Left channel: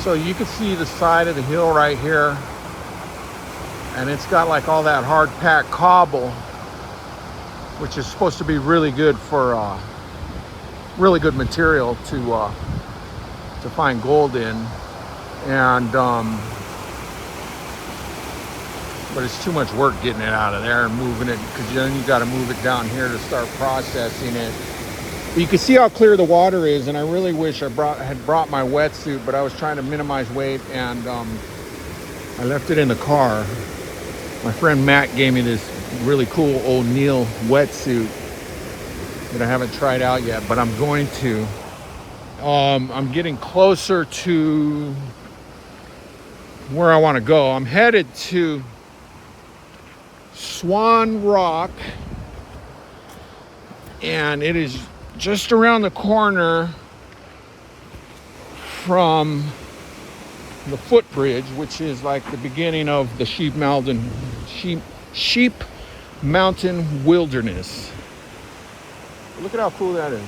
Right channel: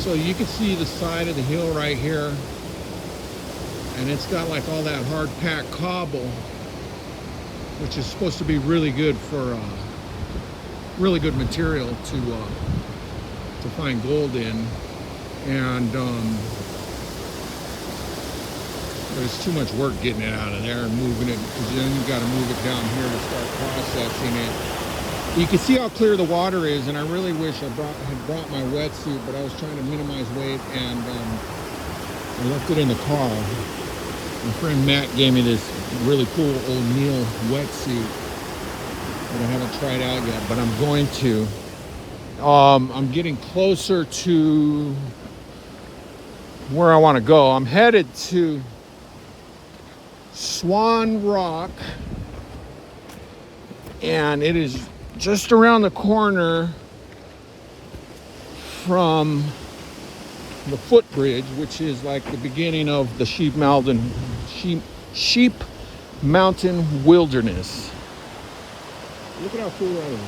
So you can see the side of the hill right here, and it's got like all that hard packed cobble, which is supposed to be really good for really good material to find gold in. And but it's too much work getting it out of there and moving it, because then you got to move it down here to start processing it. You can see how clear the water is, and I really wish I had brought my wetsuit, but I was trying to minimize weight, and I left it in the car. My friend Matt gave me this really cool O'Neill wetsuit that I haven't tried out yet, but I'm going to. I'm getting closer to where I want to go. I'm headed to Swan Rock, and it is just around the corner from the footbridge, which is like the beginning of the Sheep Mountain Wilderness. Look at how cool that is.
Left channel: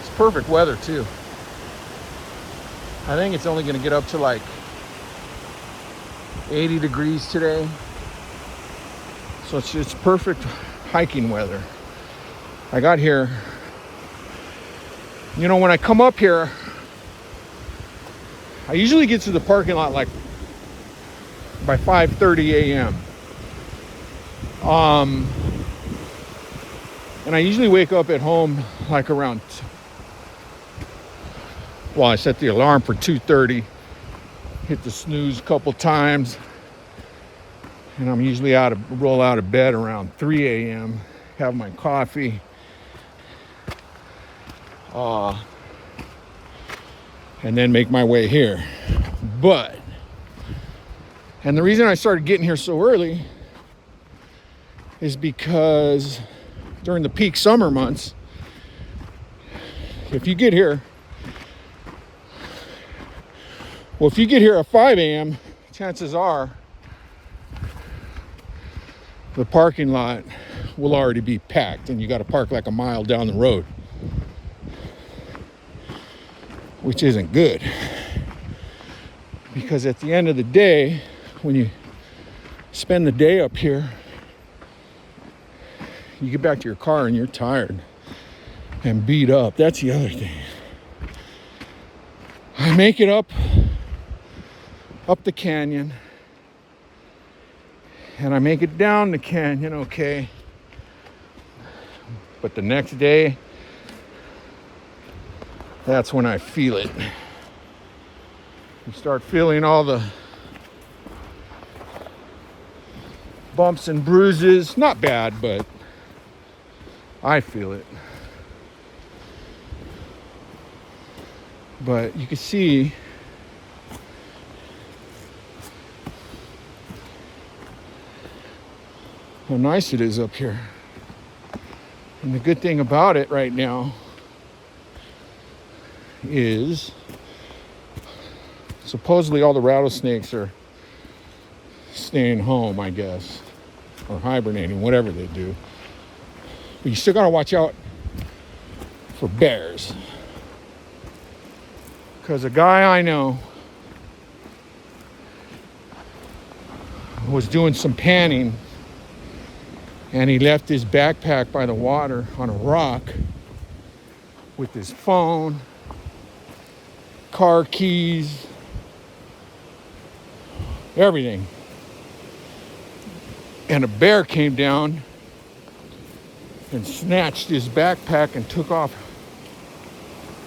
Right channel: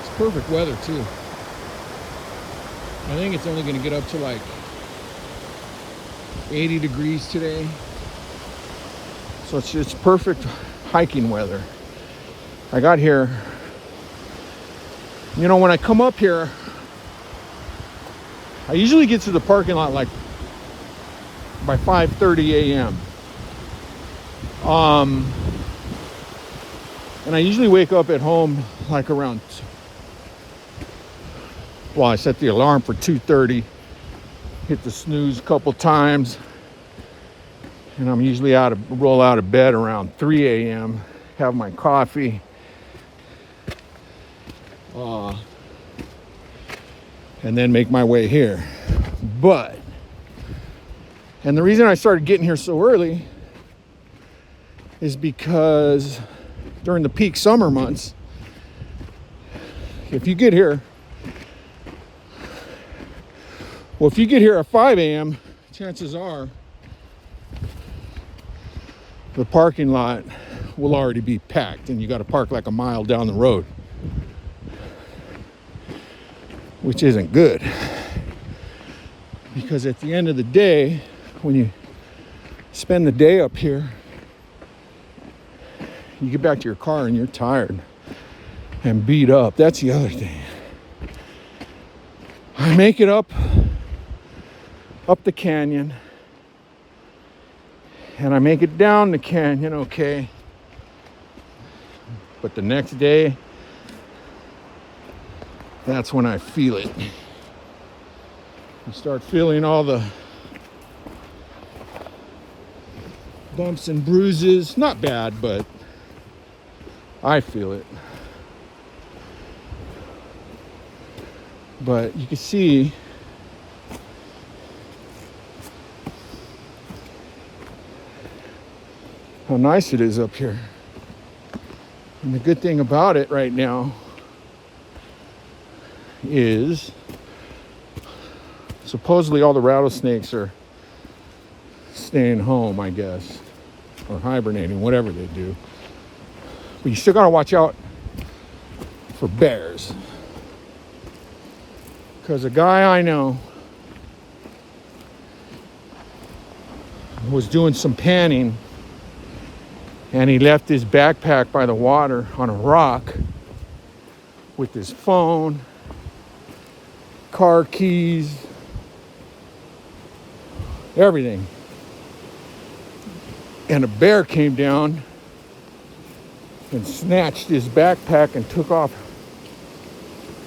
It's perfect weather too. I think it's only going to get up to like 80 degrees today. So it's perfect hiking weather. I got here, you know, when I come up here, I usually get to the parking lot like by 5:30 a.m. And I usually wake up at home like around, well, I set the alarm for 2:30, hit the snooze a couple times, and I'm usually roll out of bed around 3 a.m., have my coffee, and then make my way here. And the reason I started getting here so early is because during the peak summer months, if you get here at 5 a.m., chances are the parking lot will already be packed, and you got to park like a mile down the road, which isn't good. Because at the end of the day, when you spend the day up here, you get back to your car and you're tired and beat up. That's the other thing. I make it up the canyon, and I make it down the canyon, okay. But the next day, that's when I feel it. You start feeling all the bumps and bruises. Not bad, but I feel it. But you can see how nice it is up here. And the good thing about it right now is supposedly all the rattlesnakes are staying home, I guess, or hibernating, whatever they do. But you still gotta watch out for bears. Because a guy I know was doing some panning, and he left his backpack by the water on a rock with his phone, car keys, everything. And a bear came down and snatched his backpack and took off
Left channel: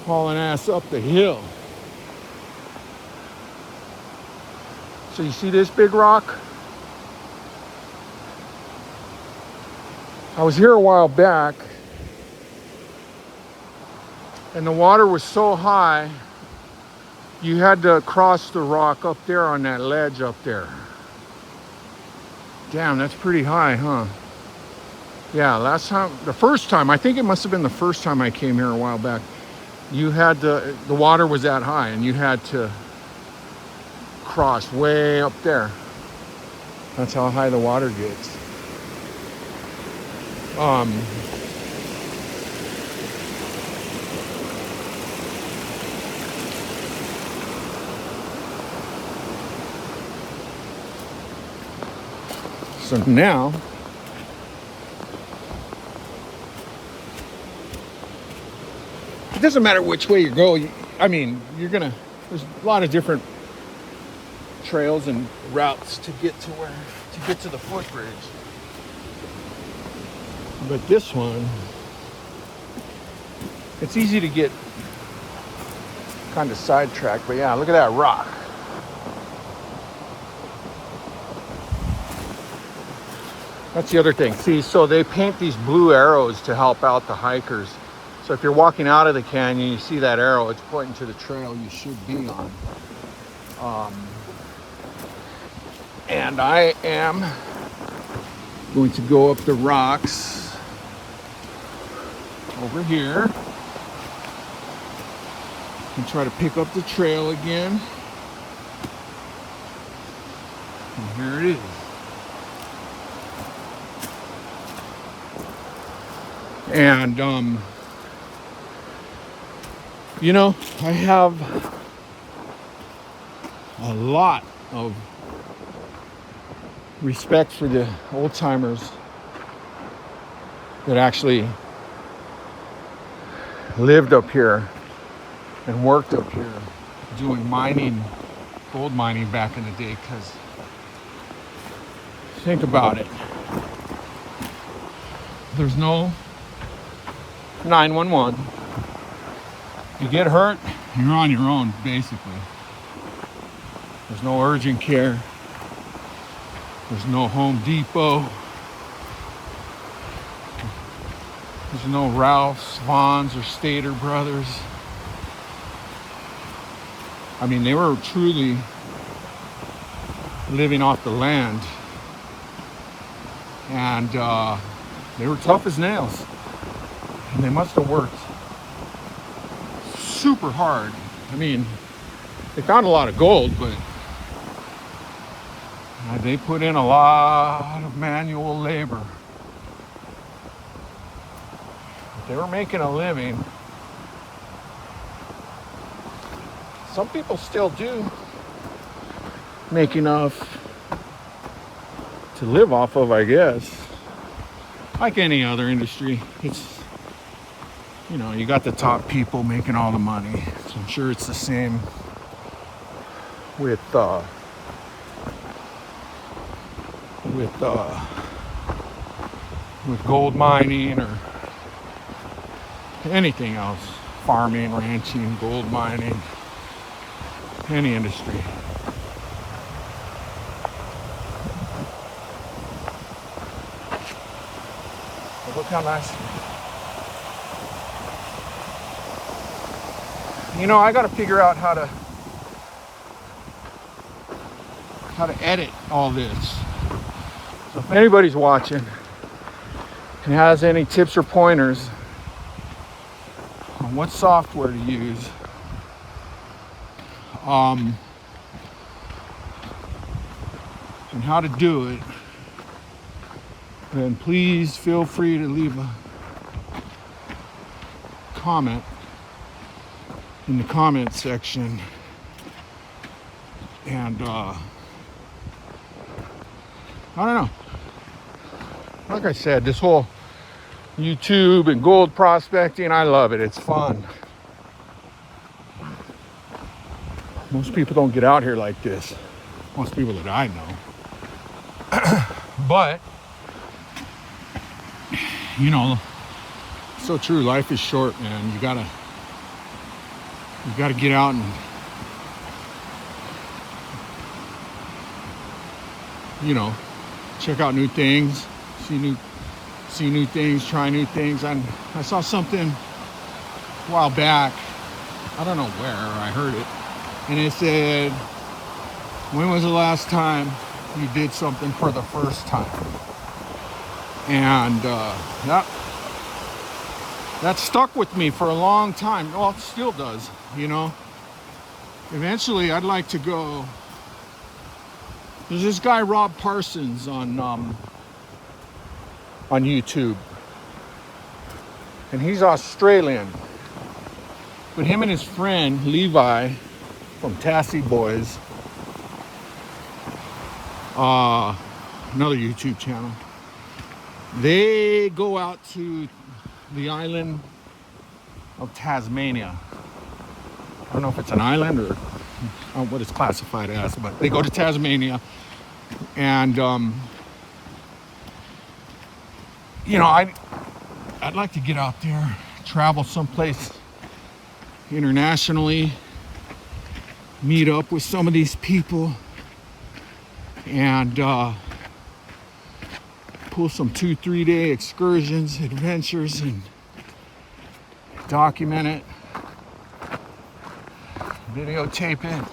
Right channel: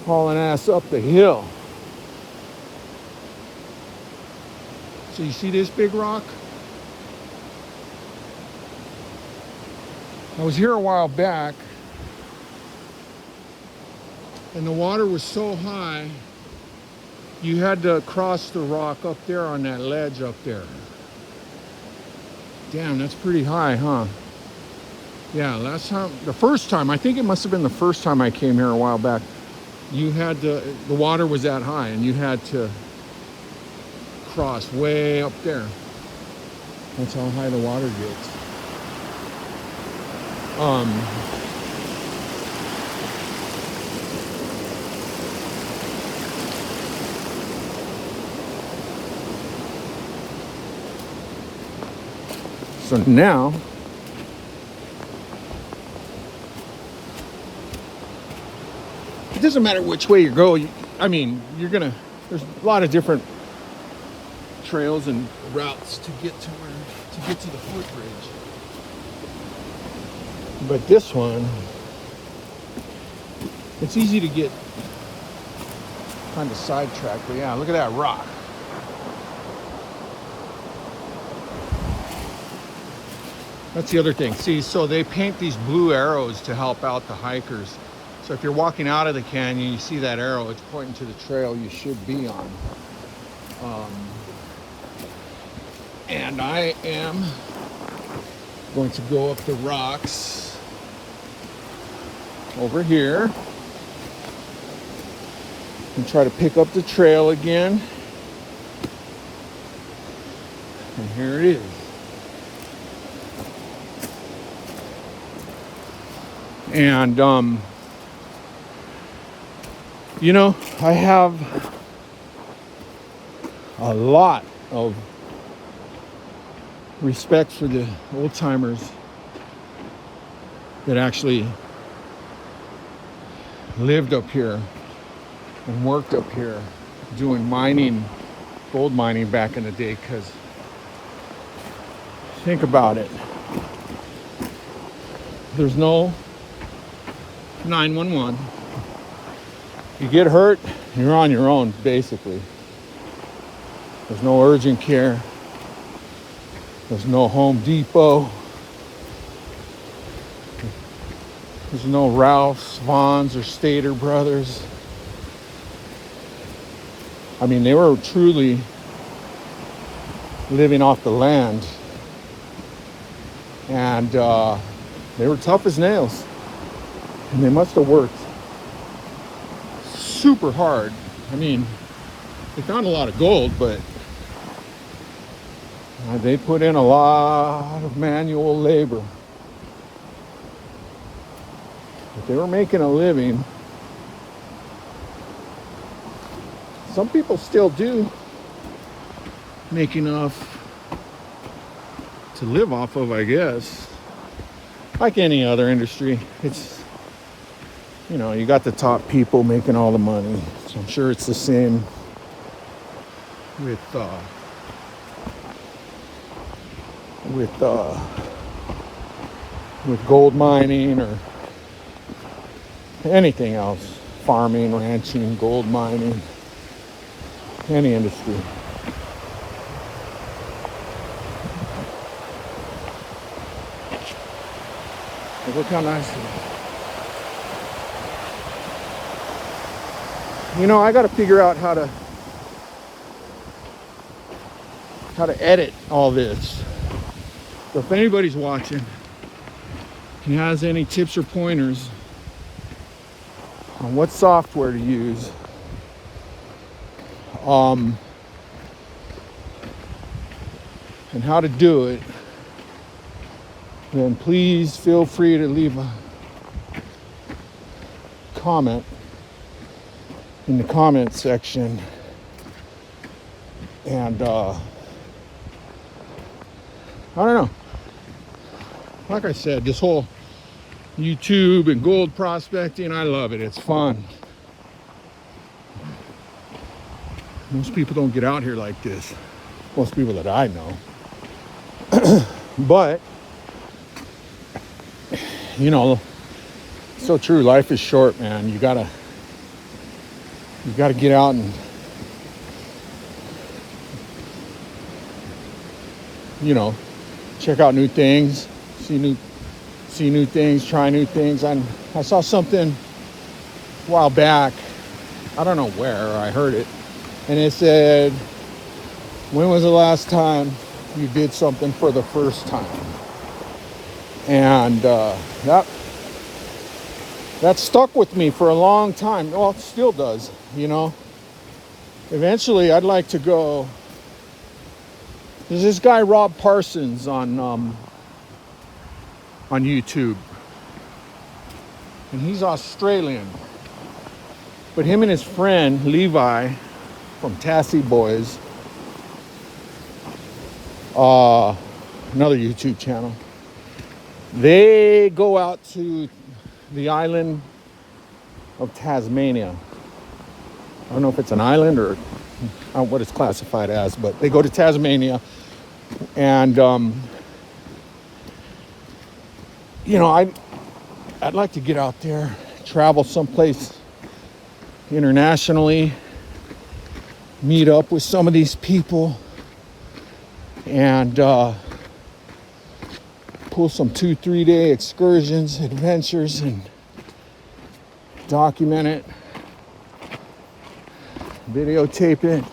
hauling ass up the hill. So you see this big rock? I was here a while back, and the water was so high, you had to cross the rock up there on that ledge up there. Damn, that's pretty high, huh? Yeah, the first time, I think it must have been the first time I came here a while back, the water was that high, and you had to cross way up there. That's how high the water gets. Um, so now, it doesn't matter which way you go. I mean, there's a lot of different trails and routes to get to the footbridge. But this one, it's easy to get kind of sidetracked. But yeah, look at that rock. That's the other thing. See, so they paint these blue arrows to help out the hikers. So if you're walking out of the canyon, you see that arrow, it's pointing to the trail you should be on. And I am going to go up the rocks over here and try to pick up the trail again. And here it is. And you know, I have a lot of respect for the old timers that actually lived up here and worked up here doing mining, gold mining back in the day. Because think about it, there's no 911. You get hurt, you're on your own, basically. There's no urgent care. There's no Home Depot. There's no Ralph's, Vaughn's, or Stater Brothers. I mean, they were truly living off the land. And they were tough as nails. And they must have worked super hard. I mean, they found a lot of gold, but they put in a lot of manual labor. But they were making a living. Some people still do make enough to live off of, I guess. Like any other industry, it's, you know, you got the top people making all the money. So I'm sure it's the same with gold mining or anything else. Farming, ranching, gold mining, any industry. Look how nice it is. You know, I got to figure out how to edit all this. So if anybody's watching and has any tips or pointers on what software to use, and how to do it, then please feel free to leave a comment in the comment section. And I don't know, like I said, this whole YouTube and gold prospecting, I love it. It's fun. Most people don't get out here like this, most people that I know. But you know, so true, life is short, man. You gotta get out and, you know, check out new things, see new things, try new things. And I saw something a while back, I don't know where, I heard it, and it said, when was the last time you did something for the first time? And that stuck with me for a long time. Well, it still does, you know. Eventually, I'd like to go. There's this guy, Rob Parsons, on YouTube. and he's Australian. But him and his friend Levi from Tassie Boys, another YouTube channel, they go out to the island of Tasmania. I don't know if it's an island or what it's classified as, but they go to Tasmania, and you know, I'd like to get out there, travel someplace internationally, meet up with some of these people, and pull some 2-3 day excursions, adventures, and document it, videotape it,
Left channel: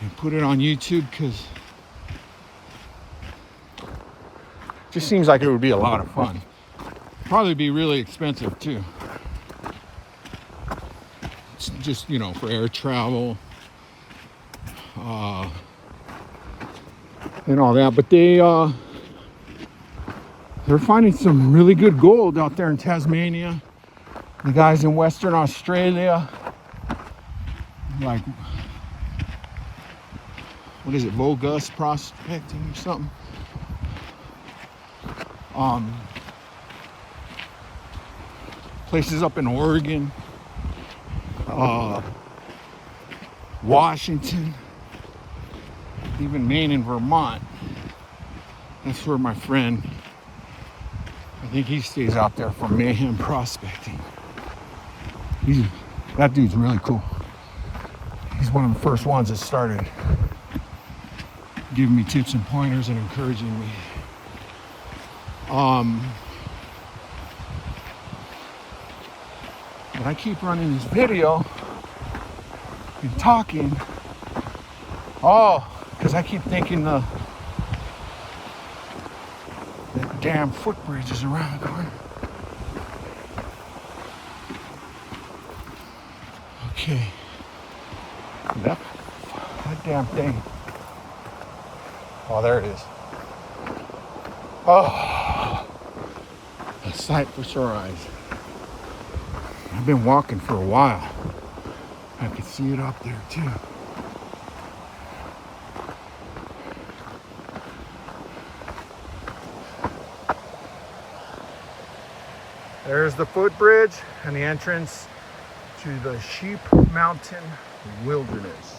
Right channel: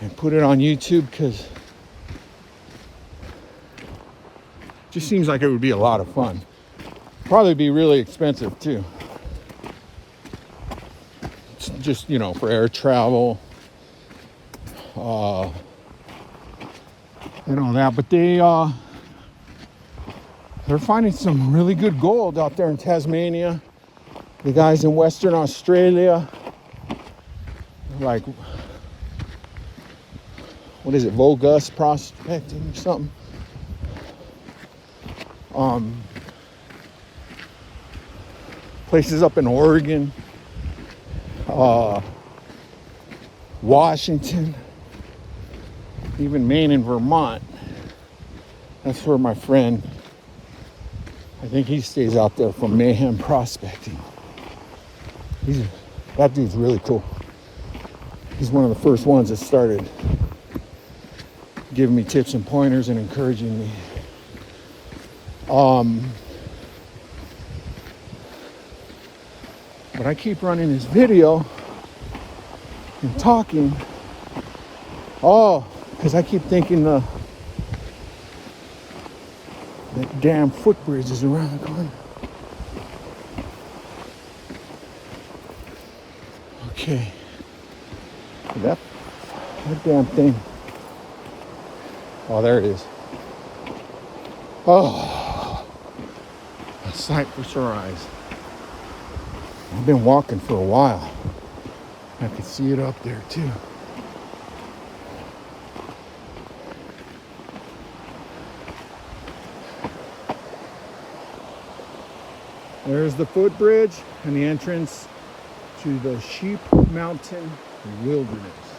and put it on YouTube, because it just seems like it would be a lot of fun. Probably be really expensive too. It's just, you know, for air travel, and all that. But they're finding some really good gold out there in Tasmania. The guys in Western Australia, like, what is it, Vogus prospecting or something? Places up in Oregon, Washington, even Maine and Vermont. That's where my friend, I think he stays out there for Mayhem Prospecting. That dude's really cool. He's one of the first ones that started giving me tips and pointers and encouraging me. But I keep running this video and talking. Oh, because I keep thinking that damn footbridge is around the corner. Okay. Yep. That damn thing. Oh, there it is. Oh, a sight for sore eyes. I've been walking for a while. I can see it up there too. There's the footbridge and the entrance to the Sheep Mountain Wilderness.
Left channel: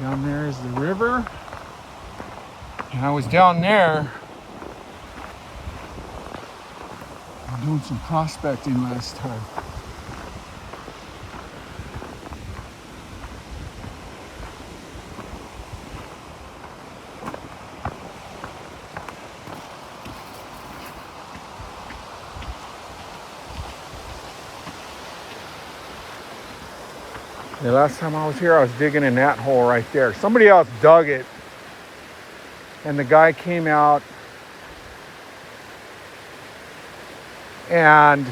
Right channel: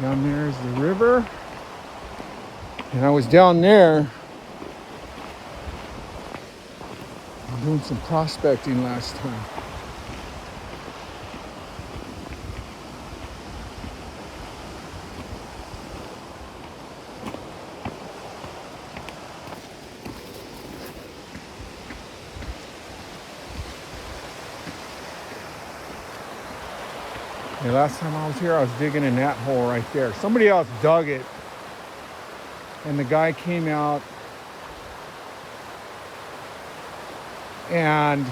Down there is the river. And I was down there doing some prospecting last time. The last time I was here, I was digging in that hole right there. Somebody else dug it, and the guy came out, and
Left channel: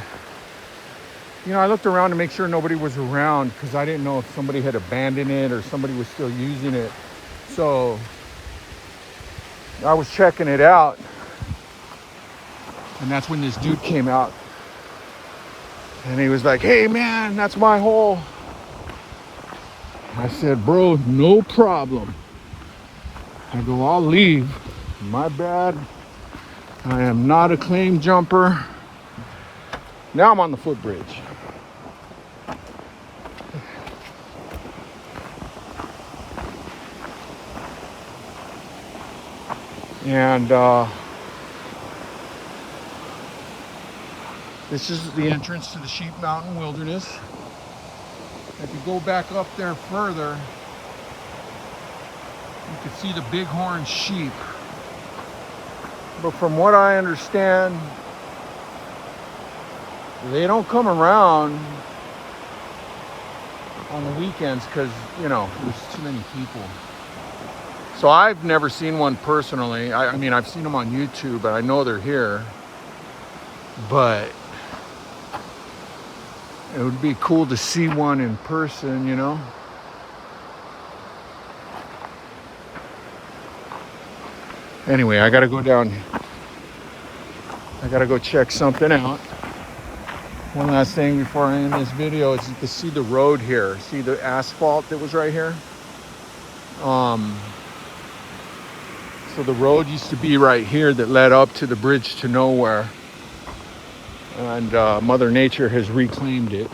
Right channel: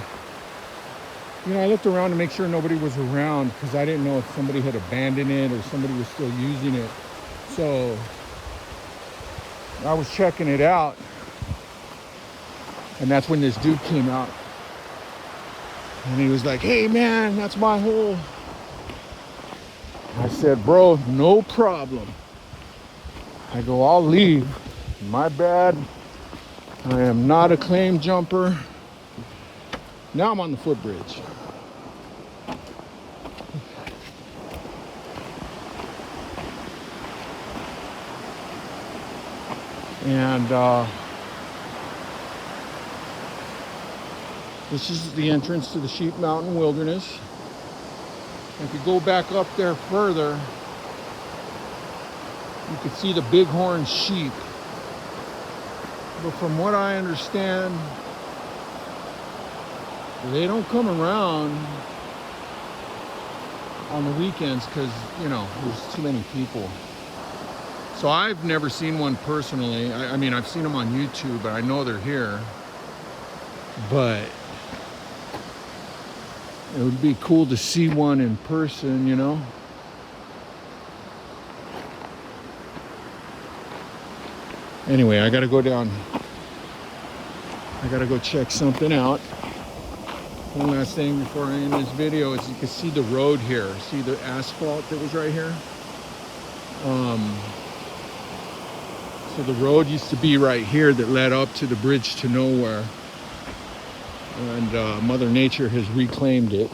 you know, I looked around to make sure nobody was around, because I didn't know if somebody had abandoned it or somebody was still using it. So I was checking it out, and that's when this dude came out, and he was like, "Hey man, that's my hole." I said, "Bro, no problem." I go, "I'll leave. My bad. I am not a claim jumper." Now I'm on the footbridge. And this is the entrance to the Sheep Mountain Wilderness. If you go back up there further, you can see the bighorn sheep. But from what I understand, they don't come around on the weekends because, you know, there's too many people. So I've never seen one personally. I mean, I've seen them on YouTube, and I know they're here. But it would be cool to see one in person, you know? Anyway, I gotta go down I gotta go check something out. One last thing before I end this video is you can see the road here. See the asphalt that was right here? So the road used to be right here that led up to the bridge to nowhere. And Mother Nature has reclaimed it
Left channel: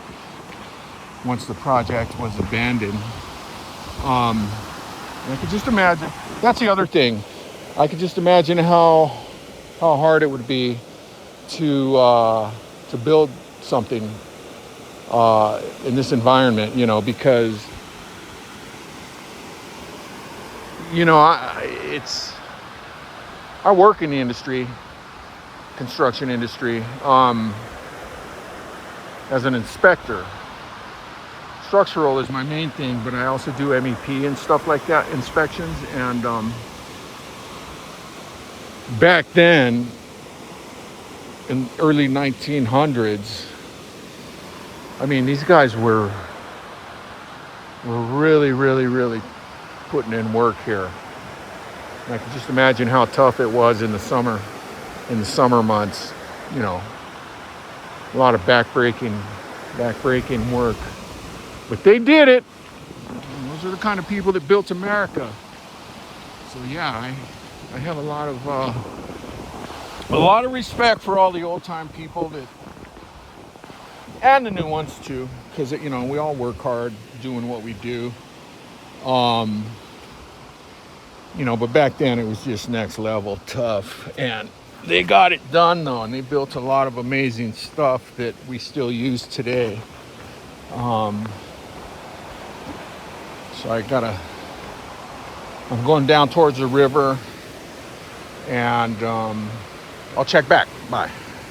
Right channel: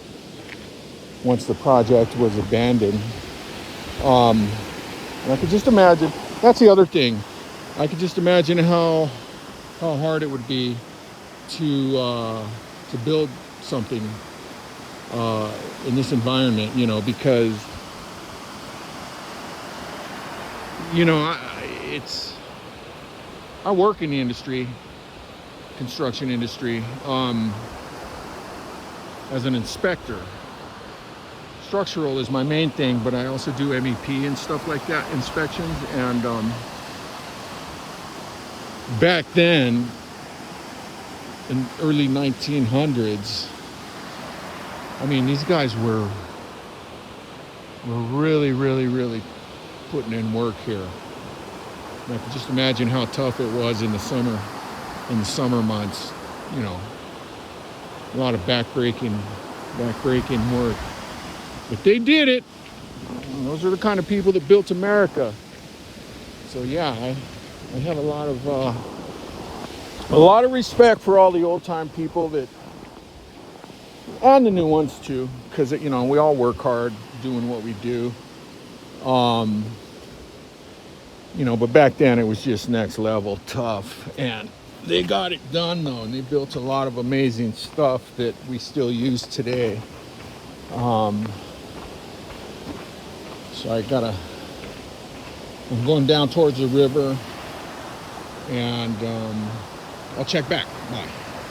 once the project was abandoned. I could just imagine, that's the other thing. I could just imagine how hard it would be to build something in this environment, you know, because, you know, I work in the industry, construction industry, as an inspector. Structural is my main thing, but I also do MEP and stuff like that, inspections. And back then, in early 1900s, I mean, these guys were really putting in work here. And I can just imagine how tough it was in the summer months. You know, a lot of backbreaking work. But they did it. And those are the kind of people that built America. So yeah, I have a lot of respect for all the old time people that, and the new ones too, because you know we all work hard doing what we do. You know, but back then it was just next level tough, and they got it done though, and they built a lot of amazing stuff that we still use today. So I'm going down towards the river, and I'll check back. Bye.